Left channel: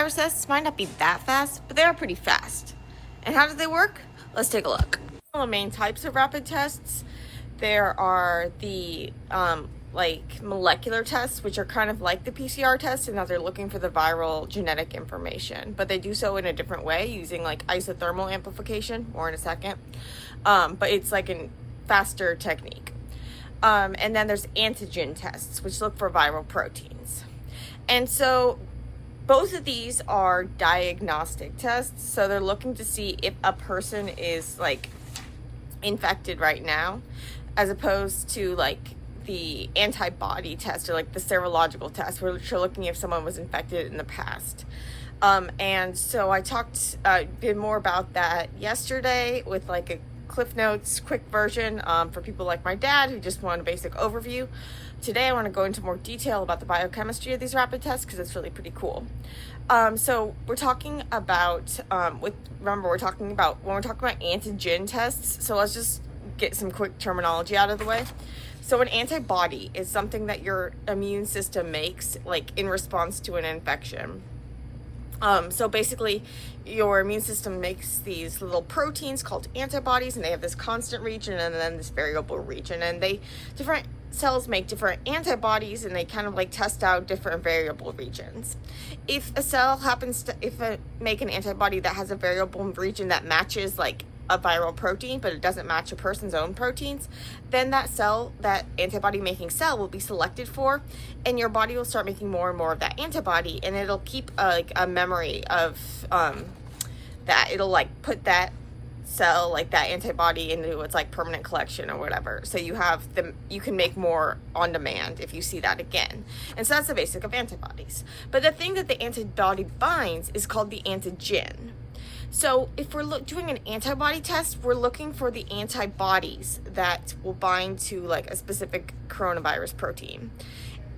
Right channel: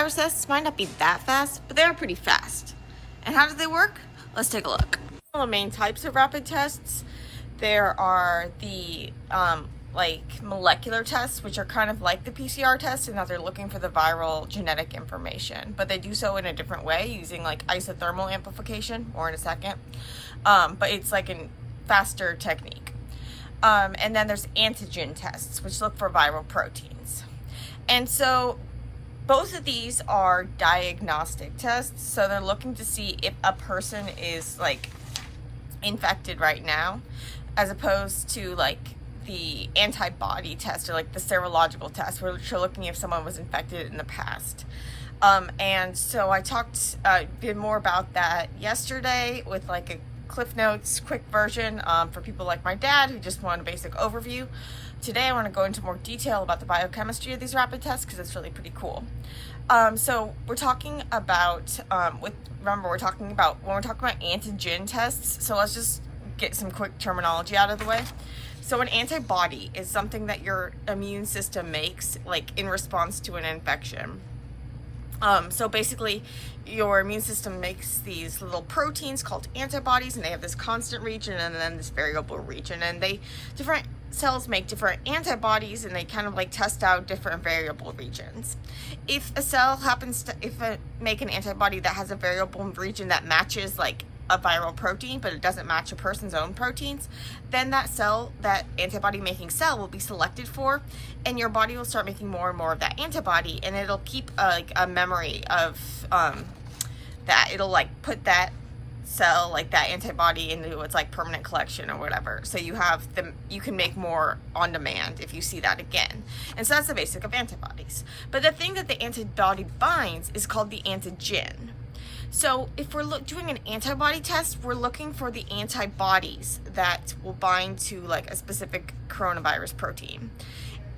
Virus tests might not be that fast, but they are pretty fast. And how do they work? Let's take a look. The main types of rapid tests, there are the molecular tests, which are kind of like the PCR tests, and now they're looking for the viral genetic information, but they do so in a different way using like isothermal amplification, more in a second. But it's like a faster technique. And then there's antigen tests, which look for viral proteins. And so both of these are diagnostic tests. So they're looking to see if a person is like infected right now, as opposed to like the antibody test or like the serological test, which are looking if someone was infected in the past. And so I did more about that yesterday with like a Cliff Notes quick version for people like my dad who just want a basic overview. Today I want to go into more detail about the biochemistry of these rapid tests because it's really pretty cool. So we're talking about, when we're talking about antigen tests, so let's just get some quick terminology out of the way. So an antibody is something that your immune system makes like in response to an infection. So basically your immune system makes these little proteins called antibodies, and they have this constant region and then this variable region, and different cells make different antibodies, and they kind of like test out different variable regions. If a cell make an antibody that has a variable region that matches like a viral protein, but it doesn't match a person's own proteins, then that antibody making cell will be selected for, and your body will start making more and more of that antibody, and it'll keep a memory of that. It'll like put that cell, like that antibody, into its like permanent collection or whatever. So you can make more on demand if you see that again. And so that's the basic of antibodies. But the thing that the antibody binds is called the antigen. So if we're doing an antibody test, we're looking for the antibodies that will bind to like a specific coronavirus protein.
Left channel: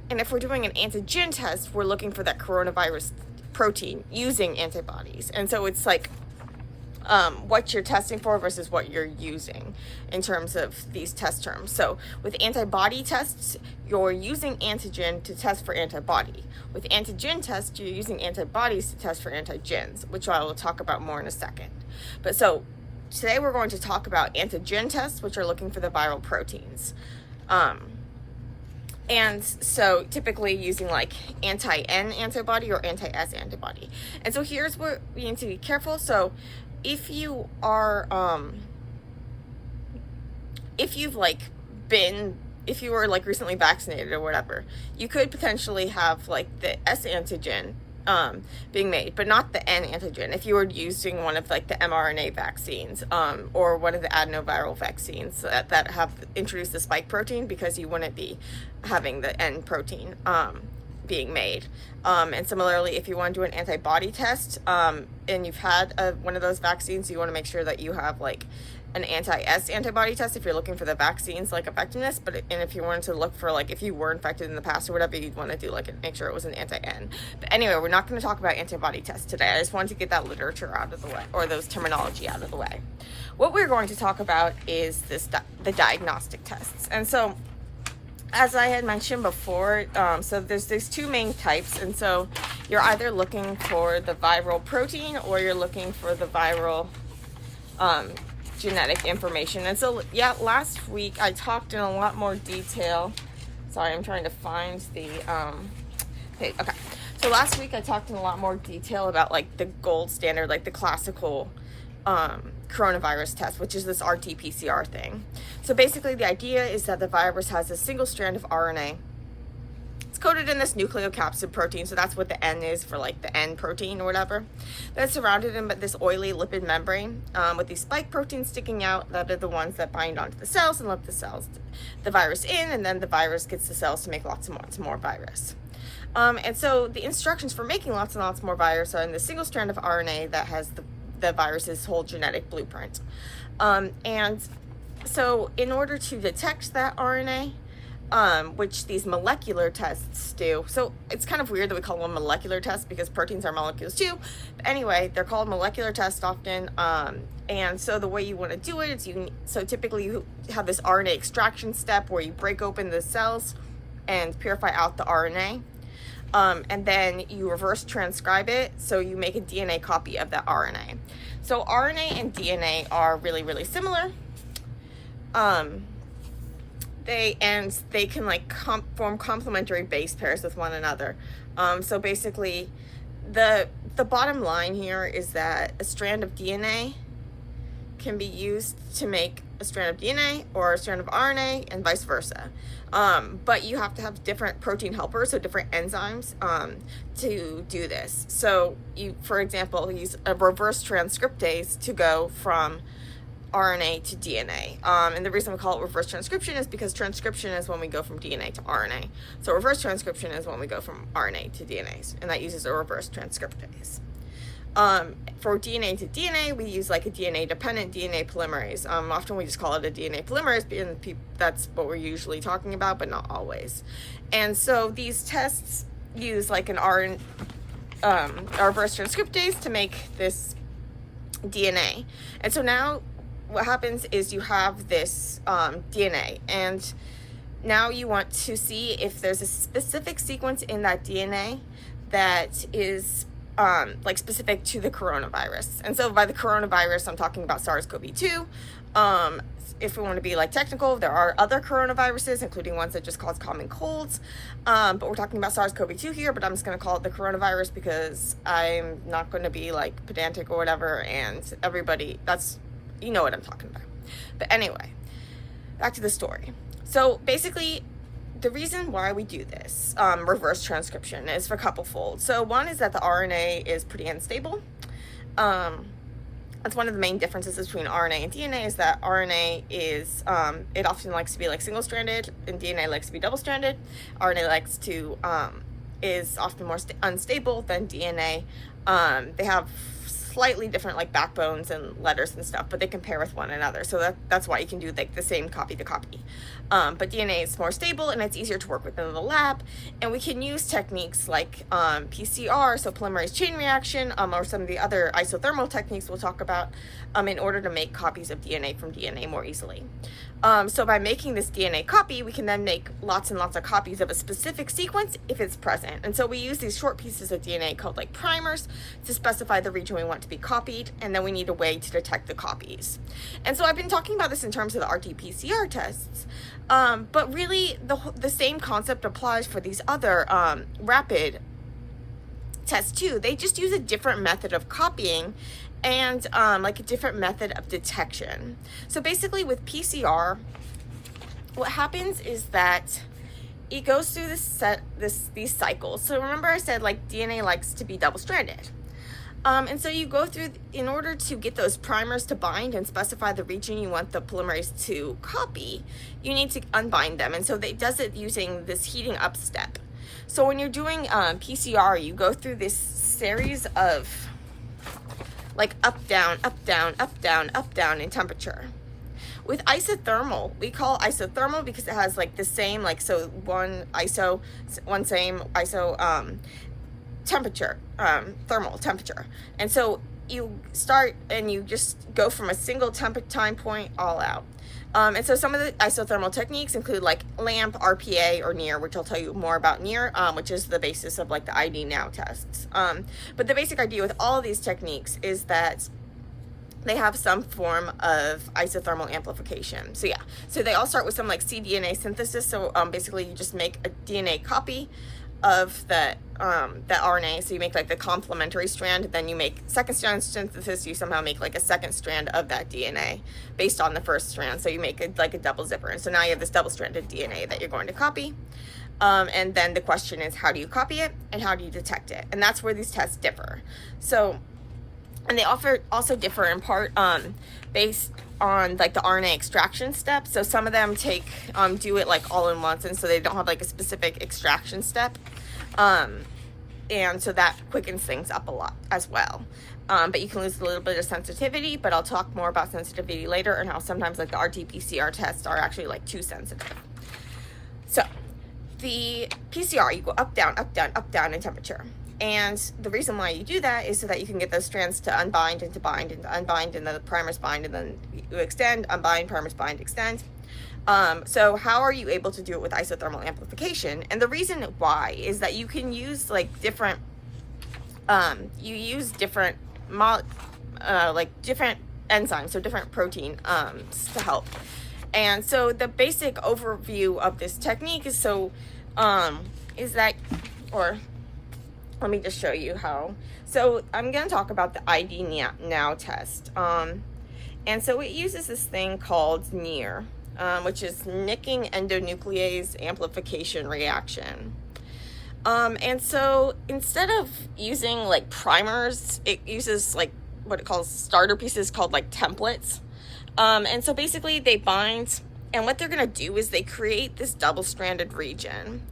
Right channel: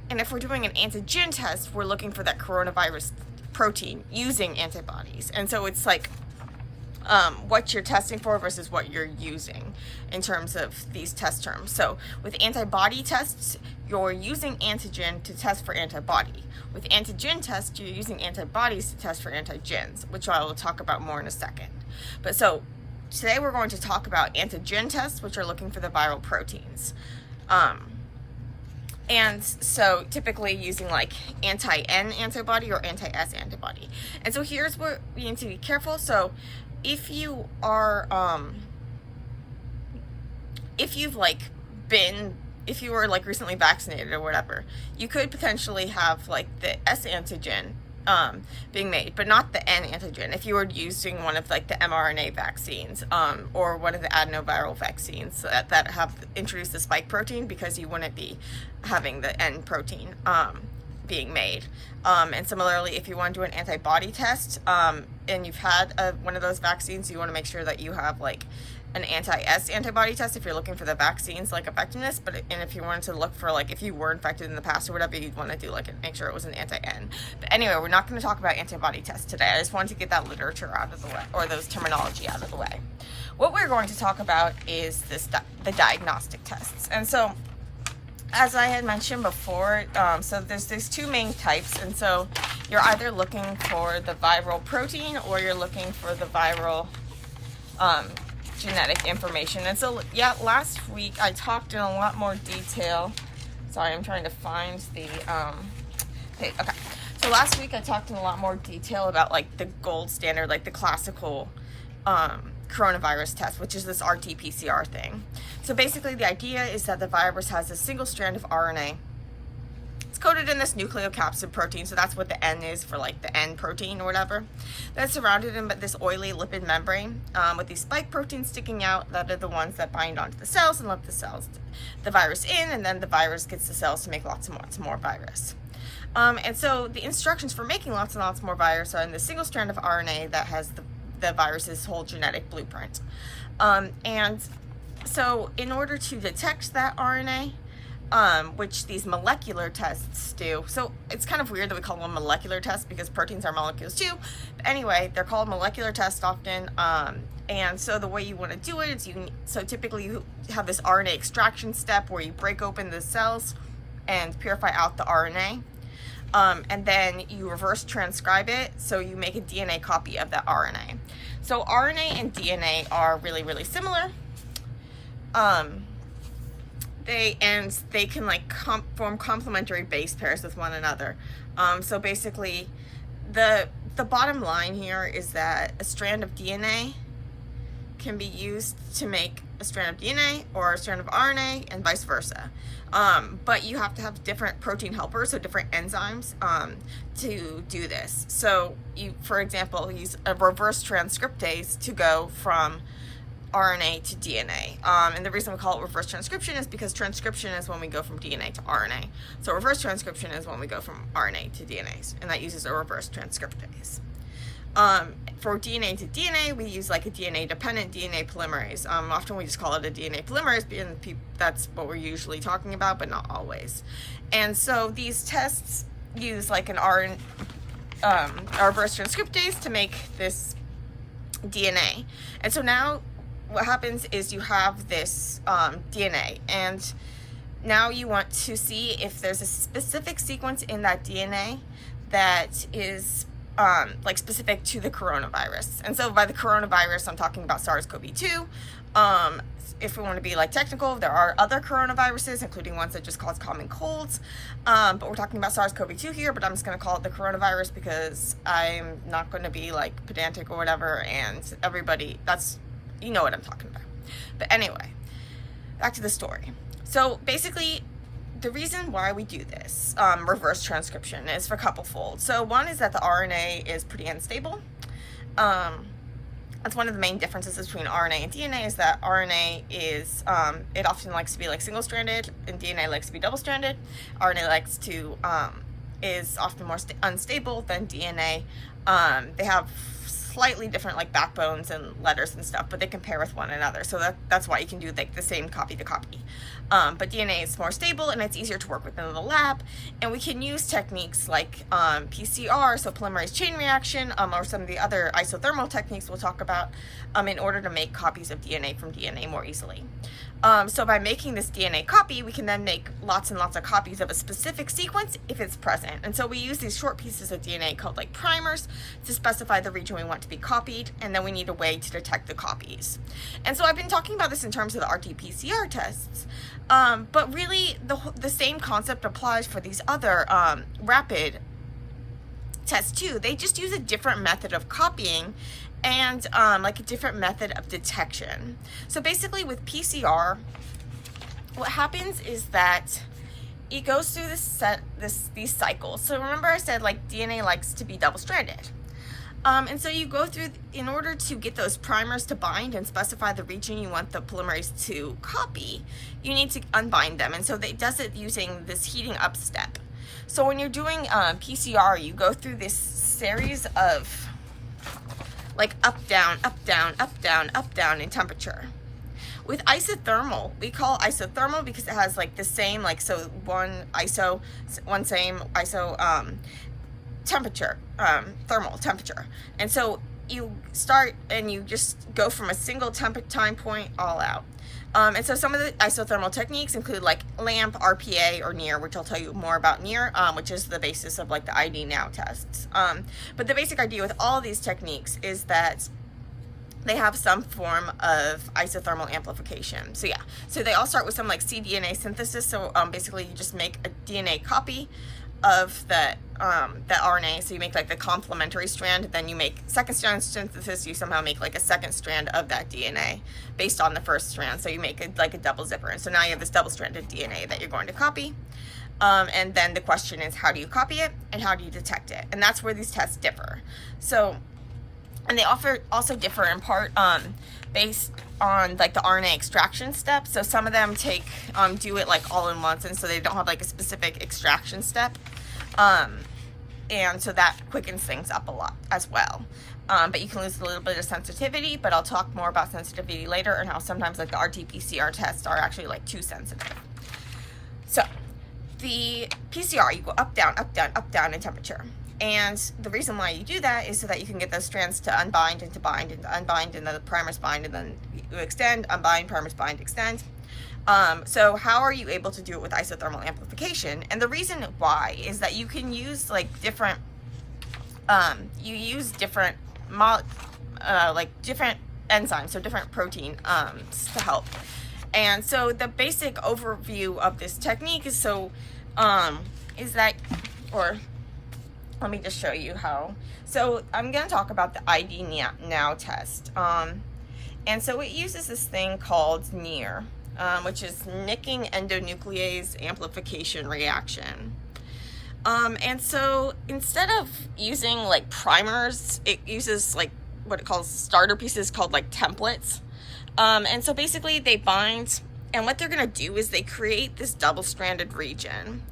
And if we're doing an antigen test, we're looking for that coronavirus protein using antibodies. And so it's like what you're testing for versus what you're using in terms of these test terms. So with antibody tests, you're using antigen to test for antibody. With antigen tests, you're using antibodies to test for antigens, which I will talk about more in a second. But so today we're going to talk about antigen tests, which are looking for the viral proteins. And so typically using like anti-N antibody or anti-S antibody. And so here's where we need to be careful. So if you were like recently vaccinated or whatever, you could potentially have like the S antigen being made, but not the N antigen if you were using one of like the mRNA vaccines or one of the adenoviral vaccines that have introduced the spike protein, because you wouldn't be having the N protein being made. And similarly, if you want to do an antibody test and you've had one of those vaccines, you want to make sure that you have like an anti-S antibody test if you're looking for the vaccine's like effectiveness. And if you wanted to look for like if you were infected in the past or whatever, you'd want to do like make sure it was an anti-N. But anyway, we're not going to talk about antibody tests today. I just wanted to get that literature out of the way, or those terminology out of the way. What we're going to talk about is the diagnostic tests. And so as I had mentioned before, so there's these two main types, and so you're either looking for the viral protein or you're looking for the viral genetic information. And so yeah, last week I talked in a lot more detail. Sorry, I'm trying to find the okay. So last week I talked in a lot more detail about like the gold standard, like the classical coronavirus test, which is this RT-PCR thing. So basically the idea is that the virus has a single strand of RNA. It's coated in this nucleocapsid protein, so that's what the N is for like the N protein or whatever. That's surrounded in this oily lipid membrane with these spike proteins sticking out that are the ones that bind onto the cells and let the virus in, and then the virus gets the cells to make lots and lots more virus. And so the instructions for making lots and lots more virus are in the single strand of RNA that has the virus's whole genetic blueprint. And so in order to detect that RNA, which these molecular tests do, so it's kind of weird that we call them molecular tests because proteins are molecules too. But anyway, they're called molecular tests often. And so the way you want to do it is so typically you have this RNA extraction step where you break open the cells and purify out the RNA. and then you reverse transcribe it, so you make a DNA copy of that RNA. So RNA and DNA are really, really similar. They can like form complementary base pairs with one another. So basically, the bottom line here is that a strand of DNA can be used to make a strand of DNA or a strand of RNA, and vice versa. But you have to have different protein helpers, so different enzymes, to do this. So you, for example, use a reverse transcriptase to go from RNA to DNA. And the reason we call it reverse transcription is because transcription is when we go from DNA to RNA. So reverse transcription is when we go from RNA to DNA, and that uses a reverse transcriptase. For DNA to DNA, we use like a DNA-dependent DNA polymerase. Often we just call it a DNA polymerase, and that's what we're usually talking about, but not always. And so these tests use like an reverse transcriptase to make this DNA. And so now what happens is you have this DNA, and now you want to see if there's a specific sequence in that DNA that is like specific to the coronavirus. And so by the coronavirus, I'm talking about SARS-CoV-2. If we want to be like technical, there are other coronaviruses, including ones that just cause common colds. But we're talking about SARS-CoV-2 here, but I'm just going to call it the coronavirus because I'm not going to be like pedantic or whatever, and everybody, you know what I'm talking about. But anyway, back to the story. So basically, the reason why we do this reverse transcription is for a couple fold. So one is that the RNA is pretty unstable. That's one of the main differences between RNA and DNA, is that RNA is, it often likes to be like single-stranded, and DNA likes to be double-stranded. RNA likes to, is often more unstable than DNA. They have slightly different like backbones and letters and stuff, but they can pair with one another. So that's why you can do like the same copy to copy. But DNA is more stable, and it's easier to work with in the lab, and we can use techniques like PCR, so polymerase chain reaction, or some of the other isothermal techniques we'll talk about, in order to make copies of DNA from DNA more easily. So by making this DNA copy, we can then make lots and lots of copies of a specific sequence if it's present. And so we use these short pieces of DNA called like primers to specify the region we want to be copied, and then we need a way to detect the copies. And so I've been talking about this in terms of the RT-PCR tests, but really the same concept applies for these other rapid tests too. They just use a different method of copying and like a different method of detection. So basically with PCR, what happens is that it goes through these cycles. So remember I said like DNA likes to be double-stranded. And so you go through, in order to get those primers to bind and specify the region you want the polymerase to copy, you need to unbind them. And so it does it using this heating up step. So when you're doing PCR, you go through this series of like up, down, up, down, up, down, up, down in temperature. With isothermal, we call isothermal because it has like the same, like, so one same iso temperature, thermal temperature. And so you start and you just go from a single time point all out. And so some of the isothermal techniques include like LAMP, RPA, or NIR, which I'll tell you more about NIR, which is the basis of like the ID Now tests. But the basic idea with all of these techniques is that they have some form of isothermal amplification. So yeah, so they all start with some like cDNA synthesis. So basically you just make a DNA copy of that RNA. So you make like the complementary strand, then you make second strand synthesis, you somehow make like a second strand of that DNA based on the first strand. So you make it like a double zipper. And so now you have this double-stranded DNA that you're going to copy. And then the question is, how do you copy it and how do you detect it? And that's where these tests differ. So, and they also differ in part based on like the RNA extraction step. So some of them do it like all in once, and so they don't have like a specific extraction step. And so that quickens things up a lot as well. But you can lose a little bit of sensitivity, but I'll talk more about sensitivity later and how sometimes like the RT-PCR tests are actually like too sensitive. So the PCR, you go up, down, up, down, up, down in temperature. And the reason why you do that is so that you can get those strands to unbind and to bind and to unbind, and then the primers bind, and then you extend, unbind, primers bind, extend. So how are you able to do it with isothermal amplification? And the reason why is that you can use like different, you use different, different enzymes, so different protein to help. And so the basic overview of this technique is is that, or let me just show you how. So I'm going to talk about the ID now test. And so it uses this thing called NEAR, which is nicking endonuclease amplification reaction. And so instead of using like primers, it uses like what it calls starter pieces called like templates. And so basically they bind, and what they're going to do is they create this double-stranded region,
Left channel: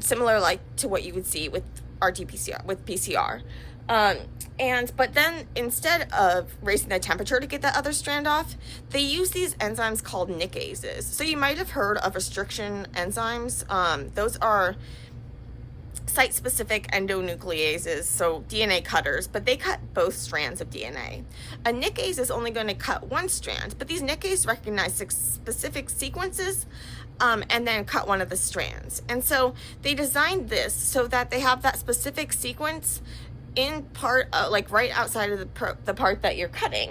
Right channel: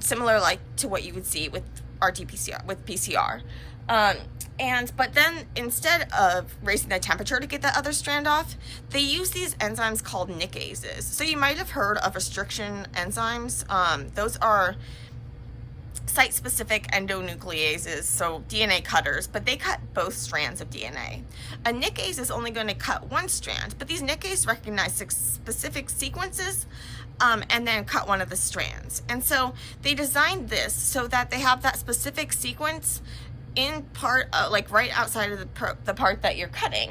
similar like to what you would see with RT-PCR, with PCR. But then instead of raising the temperature to get that other strand off, they use these enzymes called nickases. So you might have heard of restriction enzymes. Those are site-specific endonucleases, so DNA cutters, but they cut both strands of DNA. A nickase is only going to cut one strand, but these nickases recognize specific sequences and then cut one of the strands. And so they designed this so that they have that specific sequence in part, like right outside of the part that you're cutting.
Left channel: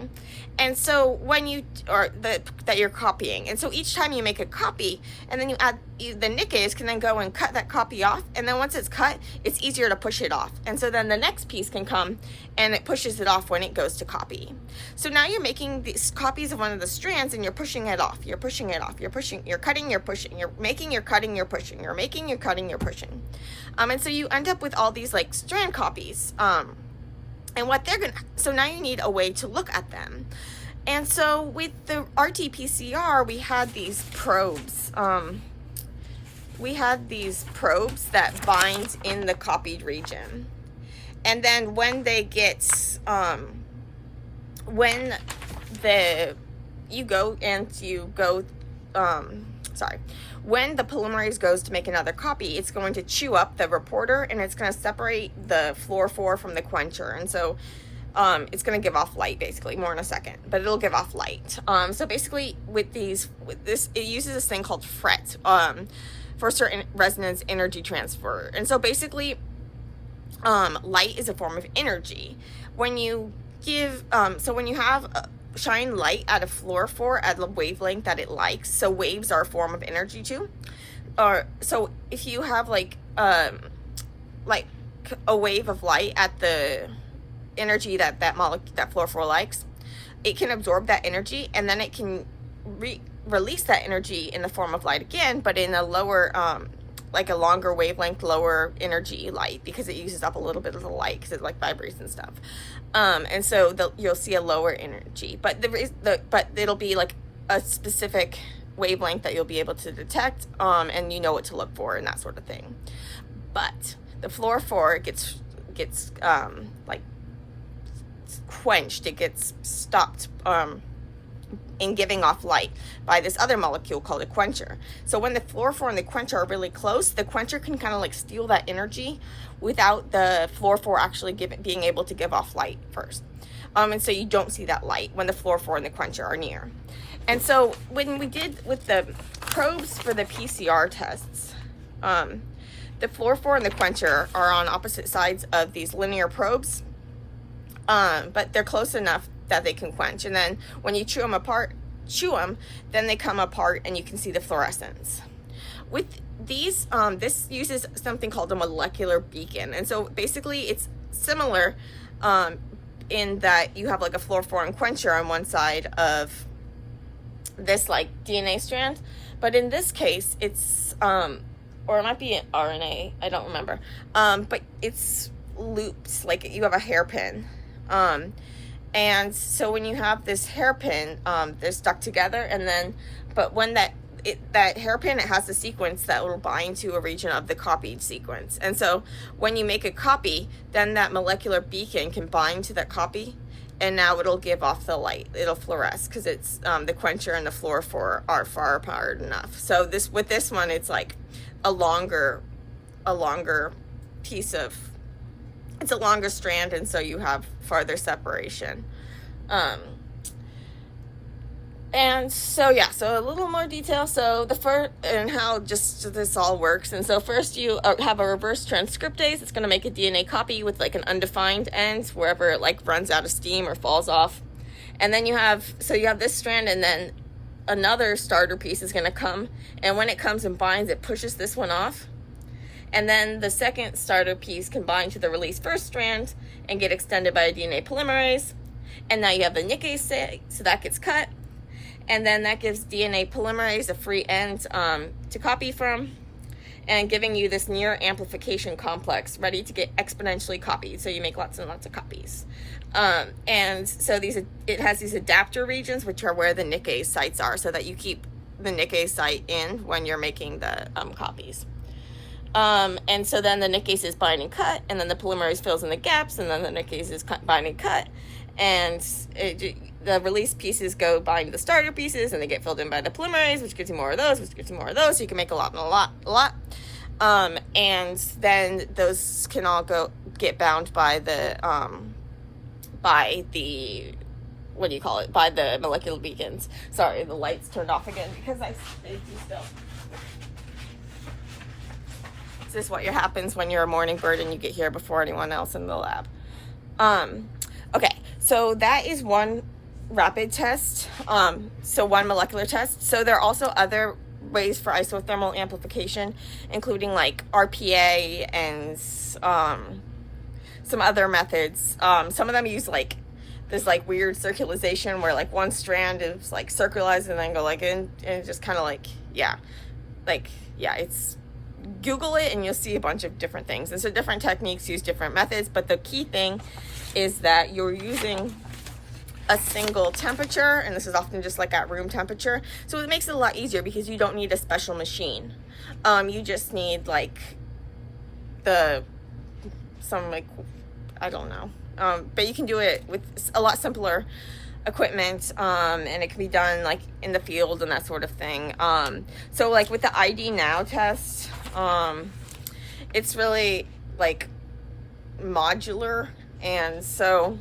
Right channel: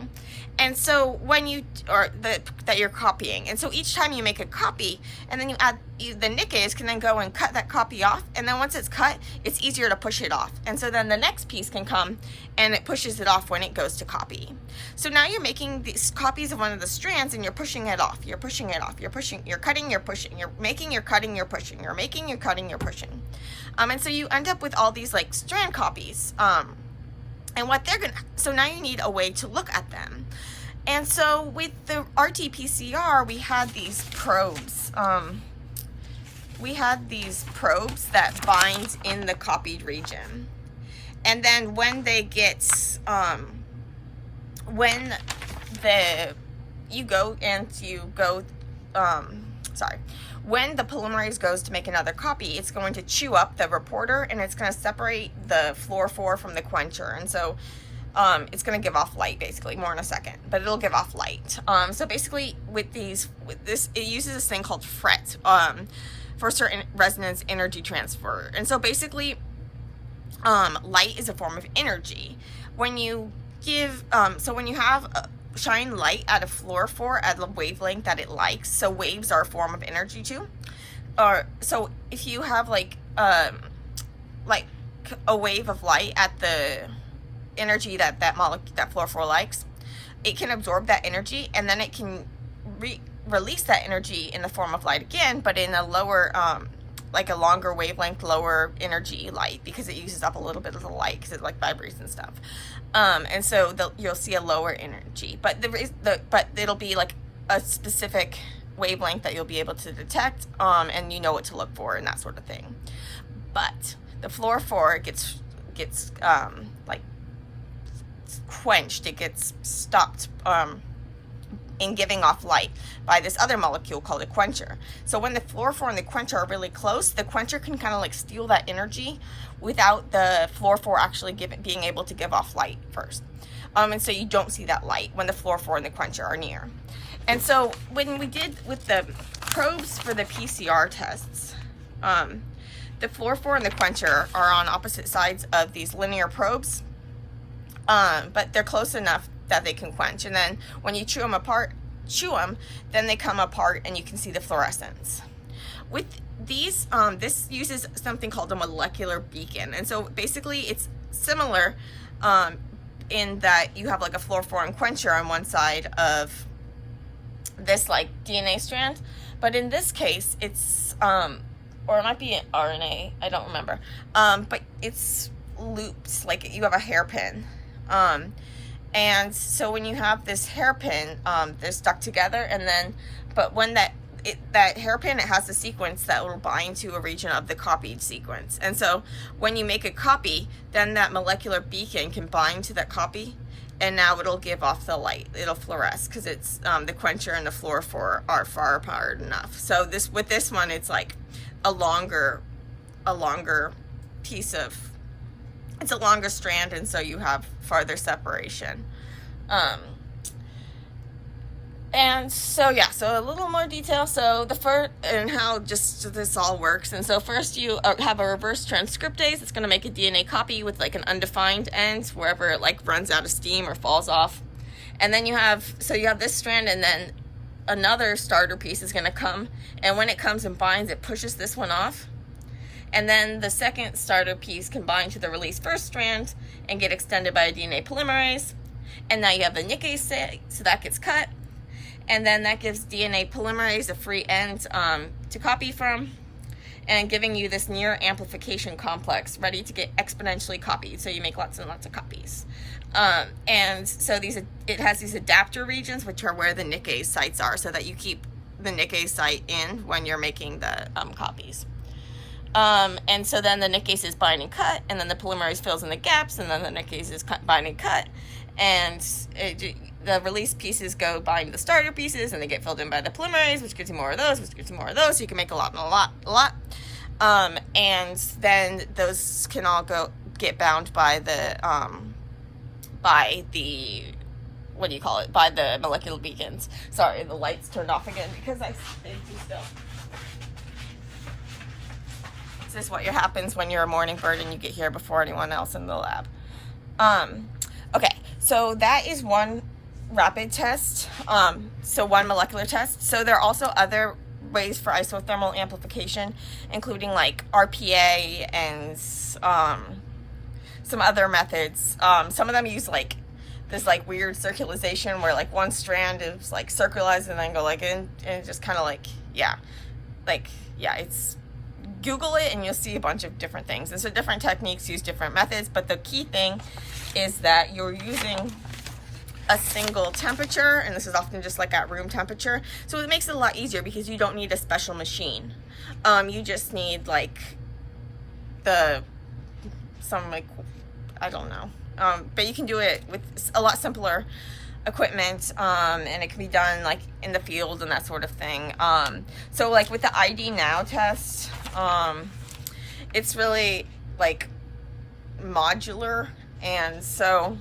And so when you, that you're copying. And so each time you make a copy and then you add, the nickase can then go and cut that copy off. And then once it's cut, it's easier to push it off. And so then the next piece can come and it pushes it off when it goes to copy. So now you're making these copies of one of the strands and you're pushing it off. You're pushing it off. You're pushing, you're cutting, you're pushing, you're making, you're cutting, you're pushing, you're making, you're cutting, you're pushing. And so you end up with all these like strand copies. And what they're gonna, so now you need a way to look at them. And so with the RT-PCR, we had these probes. We had these probes that bind in the copied region. And then when they get, when the polymerase goes to make another copy, it's going to chew up the reporter and it's going to separate the fluorophore from the quencher. And so it's going to give off light, basically, more in a second, but it'll give off light. So basically with this, it uses this thing called FRET for certain resonance energy transfer. And so basically light is a form of energy. When you give, so when you have shine light at a fluorophore at a wavelength that it likes, so waves are a form of energy too. So if you have like a wave of light at the energy that fluorophore likes, it can absorb that energy and then it can release that energy in the form of light again, but in a lower, like a longer wavelength, lower energy light, because it uses up a little bit of the light because it like vibrates and stuff. And so you'll see a lower energy, but but it'll be like a specific wavelength that you'll be able to detect, and you know what to look for and that sort of thing. But the fluorophore gets like quenched, it gets stopped in giving off light by this other molecule called a quencher. So when the fluorophore and the quencher are really close, the quencher can kind of like steal that energy without the fluorophore actually being able to give off light first. And so you don't see that light when the fluorophore and the quencher are near. And so when we did with the probes for the PCR tests, the fluorophore and the quencher are on opposite sides of these linear probes, but they're close enough that they can quench. And then when you chew them, then they come apart and you can see the fluorescence. With these, this uses something called a molecular beacon. And so basically it's similar in that you have like a fluorophore and quencher on one side of this like DNA strand, but in this case it's, or it might be an RNA, I don't remember, but it's looped, like you have a hairpin. And so when you have this hairpin, they're stuck together, and then, but when that hairpin, it has the sequence that will bind to a region of the copied sequence. And so when you make a copy, then that molecular beacon can bind to that copy, and now it'll give off the light. It'll fluoresce because it's the quencher and the fluorophore are far apart enough. So with this one, it's like a longer piece of, it's a longer strand, and so you have farther separation. And so yeah, so a little more detail. So the first, and how just this all works. And so first you have a reverse transcriptase. It's going to make a DNA copy with like an undefined end wherever it like runs out of steam or falls off. And then you have this strand, and then another starter piece is going to come, and when it comes and binds, it pushes this one off, and then the second starter piece can bind to the released first strand and get extended by a DNA polymerase. And now you have the nickase site, so that gets cut. And then that gives DNA polymerase a free end to copy from, and giving you this near amplification complex ready to get exponentially copied. So you make lots and lots of copies. And so it has these adapter regions, which are where the nickase sites are, so that you keep the nickase site in when you're making the copies. And so then the nickase is bind and cut, and then the polymerase fills in the gaps, and then the nickase is bind and cut, and the release pieces go bind the starter pieces, and they get filled in by the polymerase, which gives you more of those, which gives you more of those, so you can make a lot and a lot. And then those can all get bound by the what do you call it? By the molecular beacons. Sorry, the light's turned off again because I do stuff. This is what happens when you're a morning bird and you get here before anyone else in the lab. Okay, so that is one rapid test, so one molecular test. So there are also other ways for isothermal amplification, including like RPA and some other methods. Some of them use like this like weird circularization where like one strand is like circularized and then go like in, and just kind of like, it's, Google it and you'll see a bunch of different things. And so different techniques use different methods, but the key thing is that you're using a single temperature, and this is often just like at room temperature. So it makes it a lot easier because you don't need a special machine. You just need like I don't know. But you can do it with a lot simpler equipment, and it can be done like in the field and that sort of thing. So like with the ID Now test, it's really like modular, and so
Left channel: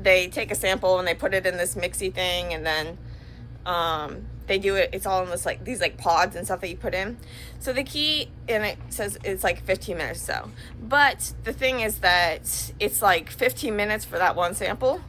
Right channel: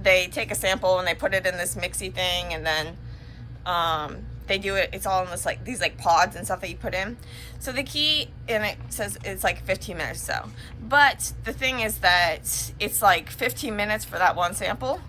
they take a sample and they put it in this mixy thing, and then they do it, it's all in this like these like pods and stuff that you put in. So the key, and it says it's like 15 minutes so, but the thing is that it's like 15 minutes for that one sample,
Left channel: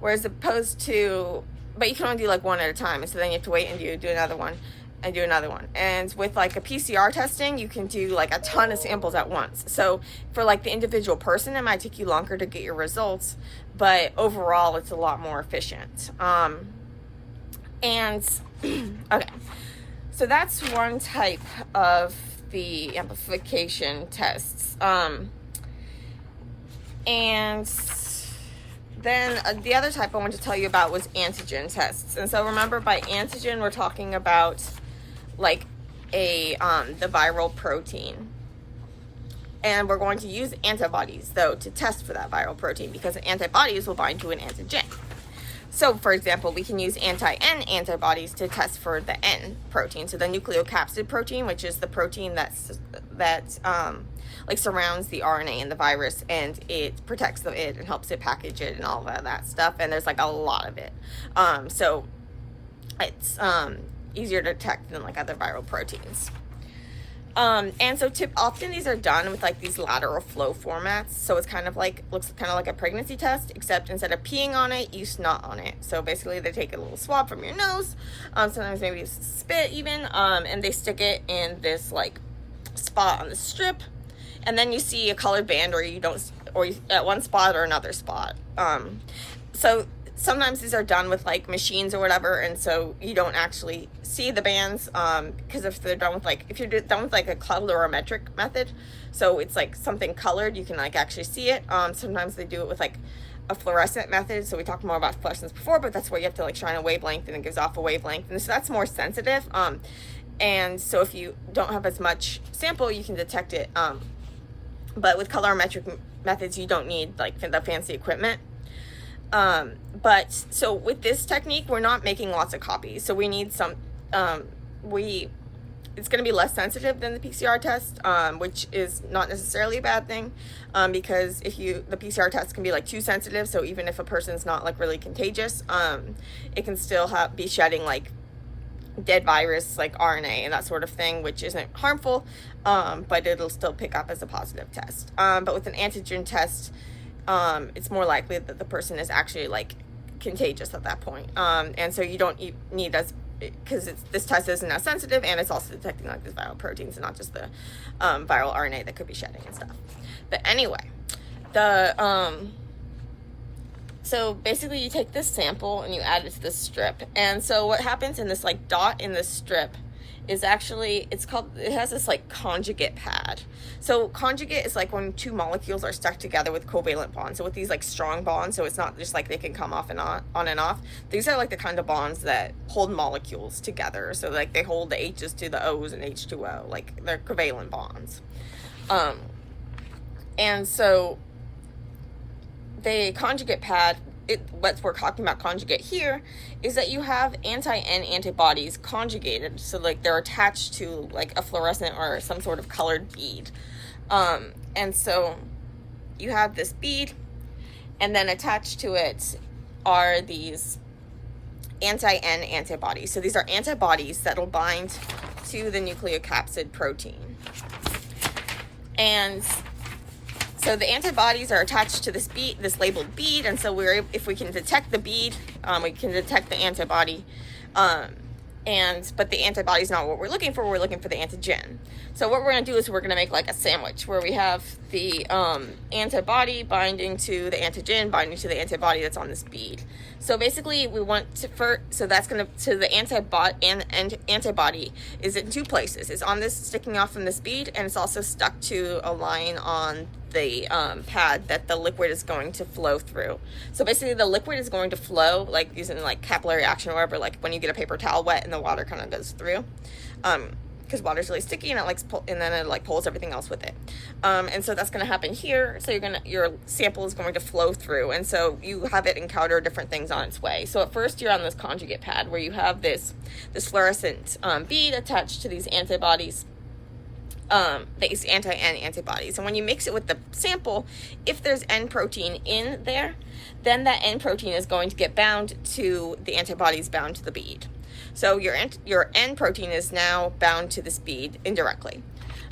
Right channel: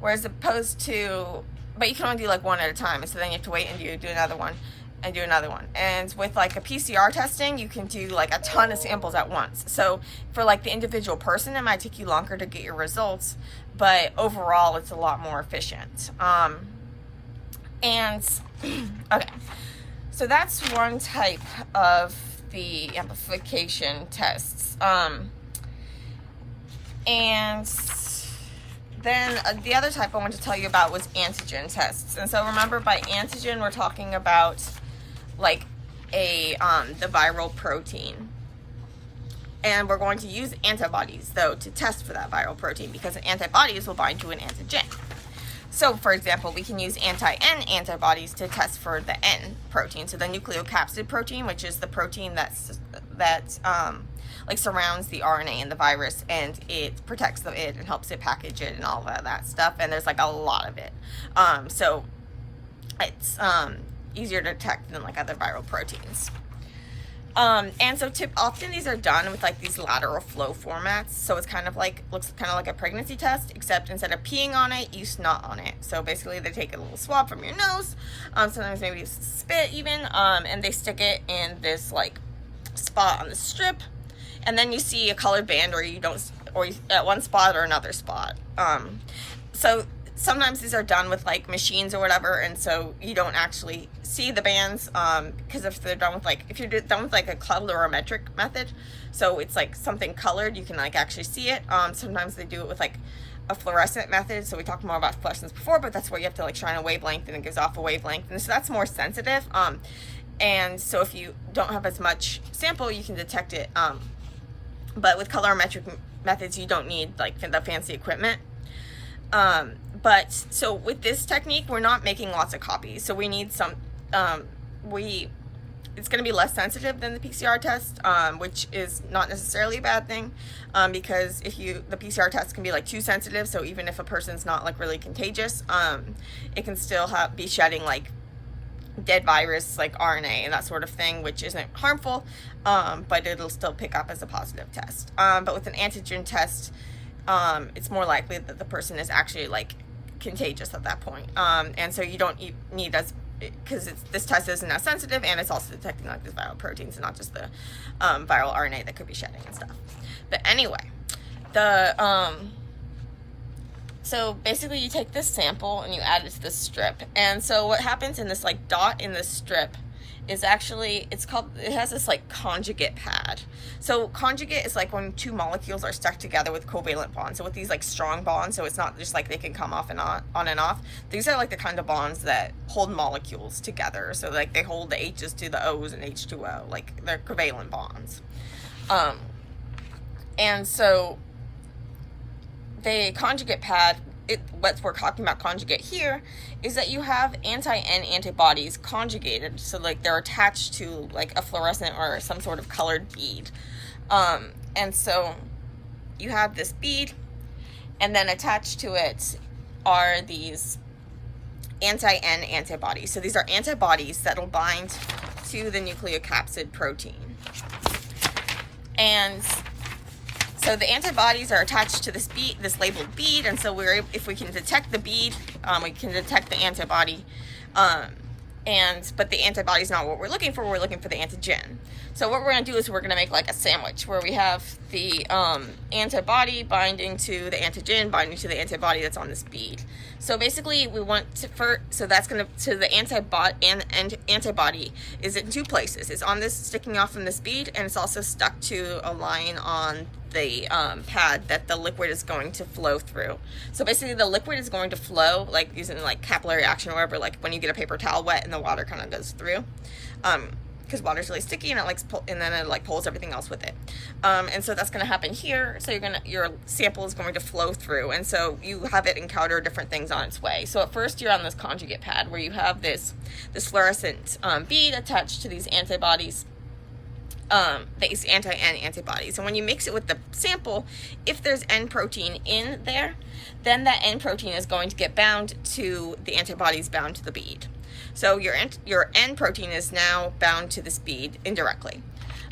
whereas opposed to, but you can only do like one at a time, and so then you have to wait and do another one and do another one. And with like a PCR testing, you can do like a ton of samples at once. So for like the individual person, it might take you longer to get your results, but overall it's a lot more efficient. And okay, so that's one type of the amplification tests. And then the other type I wanted to tell you about was antigen tests. And so remember, by antigen we're talking about like the viral protein. And we're going to use antibodies though to test for that viral protein, because antibodies will bind to an antigen. So for example, we can use anti-N antibodies to test for the N protein, so the nucleocapsid protein, which is the protein that like surrounds the RNA in the virus, and it protects it and helps it package it and all of that stuff. And there's like a lot of it, so it's easier to detect than like other viral proteins. And so often these are done with like these lateral flow formats. So it's kind of like, looks kind of like a pregnancy test, except instead of peeing on it, you snot on it. So basically they take a little swab from your nose, sometimes maybe spit even, and they stick it in this like spot on the strip. And then you see a colored band, or at one spot or another spot. So sometimes these are done with like machines or whatever, and so you don't actually see the bands, because if they're done with like, if you're done with like a colorimetric method, so it's like something colored, you can like actually see it. Sometimes they do it with like a fluorescent method, so we talked more about fluorescence before, but that's where you have to like shine a wavelength and it gives off a wavelength, and so that's more sensitive. And so if you don't have as much sample, you can detect it, but with colorimetric methods you don't need like the fancy equipment. But so with this technique, we're not making lots of copies, so we need some, it's going to be less sensitive than the PCR test, which is not necessarily a bad thing, because the PCR test can be like too sensitive. So even if a person's not like really contagious, it can still be shedding like dead virus, like RNA and that sort of thing, which isn't harmful, but it'll still pick up as a positive test. But with an antigen test, it's more likely that the person is actually like contagious at that point. And so you don't need as, because this test isn't as sensitive, and it's also detecting like the viral proteins and not just the viral RNA that could be shedding and stuff. But anyway, so basically you take this sample and you add it to this strip. And so what happens in this like dot in this strip is actually, it has this like conjugate pad. So conjugate is like when two molecules are stuck together with covalent bonds. So with these like strong bonds, so it's not just like they can come off and on and off. These are like the kind of bonds that hold molecules together. So like they hold the H's to the O's and H2O, like they're covalent bonds. And so the conjugate pad, what we're talking about conjugate here, is that you have anti-N antibodies conjugated, so like they're attached to like a fluorescent or some sort of colored bead. And so you have this bead, and then attached to it are these anti-N antibodies. So these are antibodies that will bind to the nucleocapsid protein. And so the antibodies are attached to this bead, this labeled bead, and so if we can detect the bead, we can detect the antibody. But the antibody is not what we're looking for. We're looking for the antigen. So what we're going to do is we're going to make like a sandwich where we have the antibody binding to the antigen, binding to the antibody that's on this bead. So basically, we want to so that's going to the antibody is in two places. It's on this, sticking off from this bead, and it's also stuck to a line on the pad that the liquid is going to flow through. So basically the liquid is going to flow like using like capillary action or whatever, like when you get a paper towel wet and the water kind of goes through, because water is really sticky and then it like pulls everything else with it. And so that's going to happen here. So your sample is going to flow through, and so you have it encounter different things on its way. So at first you're on this conjugate pad where you have this fluorescent bead attached to these antibodies, these anti-N antibodies. And when you mix it with the sample, if there's N protein in there, then that N protein is going to get bound to the antibodies bound to the bead. So your N protein is now bound to this bead indirectly.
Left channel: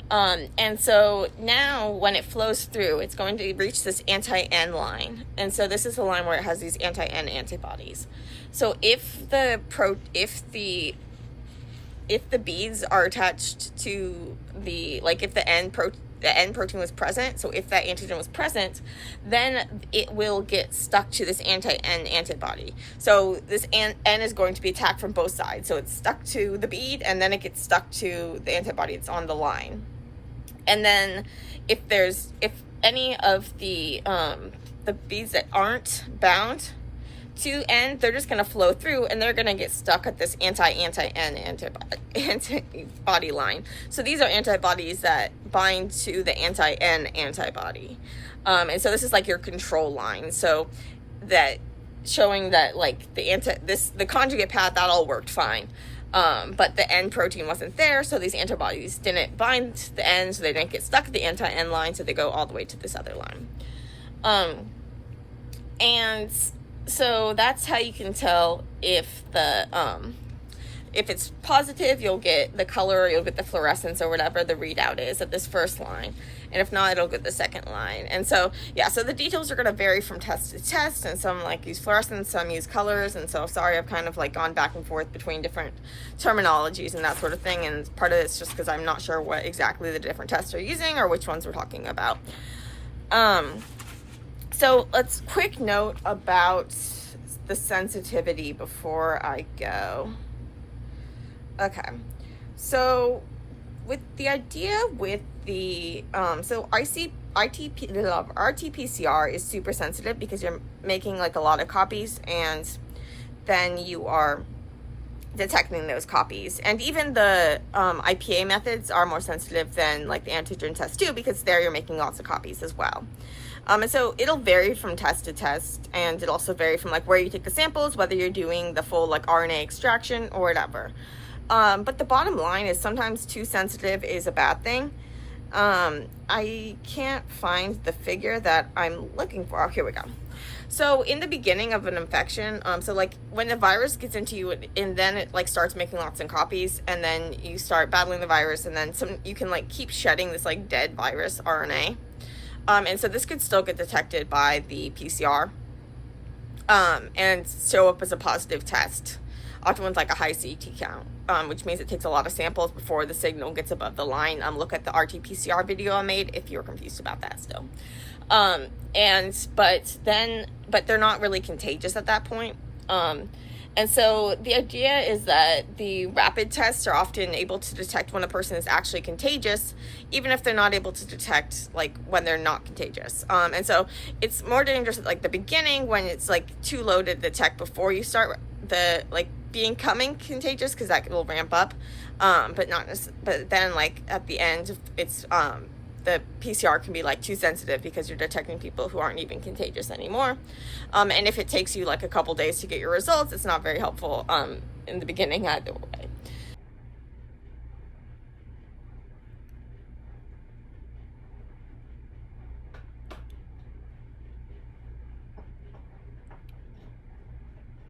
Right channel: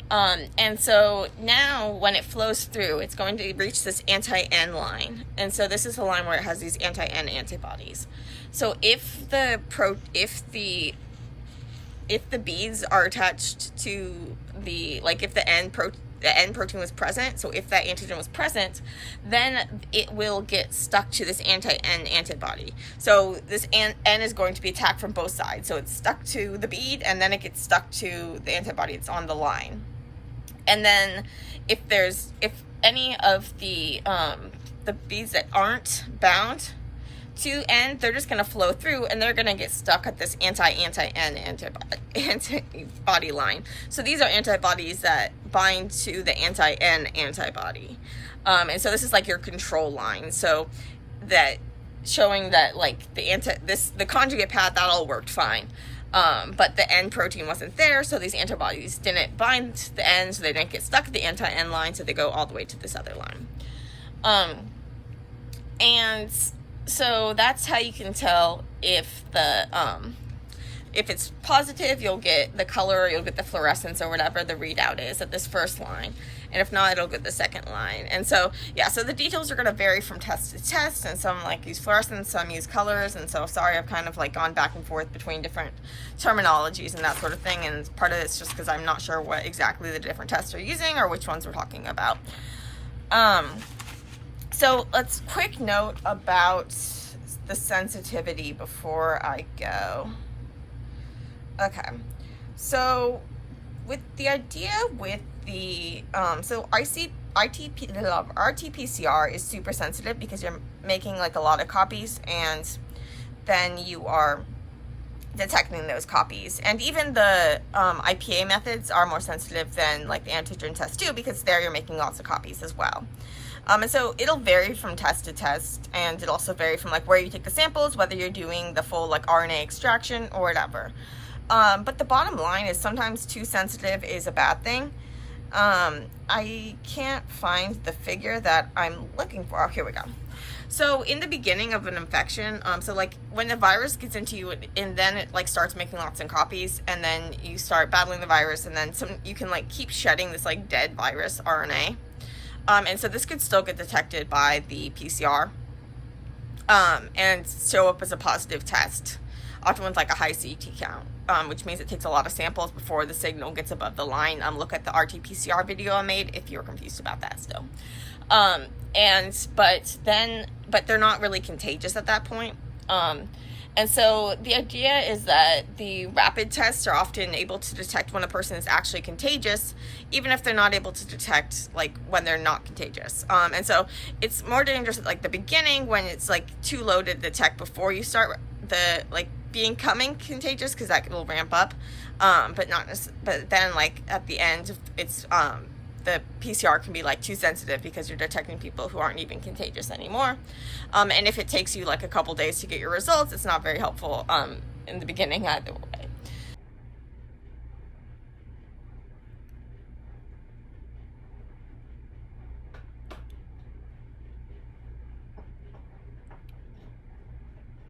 And so now when it flows through, it's going to reach this anti-N line. And so this is the line where it has these anti-N antibodies. So if the beads are attached to if the N protein was present, so if that antigen was present, then it will get stuck to this anti-N antibody. So this N is going to be attacked from both sides. So it's stuck to the bead, and then it gets stuck to the antibody that's on the line. And then if any of the beads that aren't bound to N, they're just going to flow through, and they're going to get stuck at this anti-N antibody line. So these are antibodies that bind to the anti-N antibody. And so this is like your control line. So that showing that like the conjugate pad, that all worked fine. But the N protein wasn't there, so these antibodies didn't bind to the N, so they didn't get stuck at the anti-N line, so they go all the way to this other line. And so that's how you can tell if it's positive, you'll get the color, you'll get the fluorescence or whatever the readout is at this first line. And if not, it'll get the second line. And so, yeah, so the details are going to vary from test to test, and some like use fluorescence, some use colors. And so sorry, I've kind of like gone back and forth between different terminologies and that sort of thing. And part of it's just because I'm not sure what exactly the different tests are using or which ones we're talking about. So let's quick note about the sensitivity before I go. Okay, so with the idea with the RT-PCR is super sensitive because you're making like a lot of copies, and then you are detecting those copies. And even the IPA methods are more sensitive than like the antigen test too, because there you're making lots of copies as well. And so it'll vary from test to test, and it'll also vary from like where you take the samples, whether you're doing the full like RNA extraction or whatever. But the bottom line is sometimes too sensitive is a bad thing. I can't find the figure that I'm looking for. Oh, here we go. So in the beginning of an infection, so like when the virus gets into you and then it like starts making lots of copies, and then you start battling the virus, and then you can like keep shedding this like dead virus RNA. And so this could still get detected by the PCR, and show up as a positive test, often with like a high CT count. Which means it takes a lot of samples before the signal gets above the line. Look at the RT-PCR video I made if you're confused about that still. But they're not really contagious at that point. And so the idea is that the rapid tests are often able to detect when a person is actually contagious, even if they're not able to detect like when they're not contagious. And so it's more dangerous at like the beginning when it's like too low to detect before you start the like becoming contagious, because that will ramp up, but then like at the end it's the PCR can be like too sensitive because you're detecting people who aren't even contagious anymore, and if it takes you like a couple days to get your results, it's not very helpful in the beginning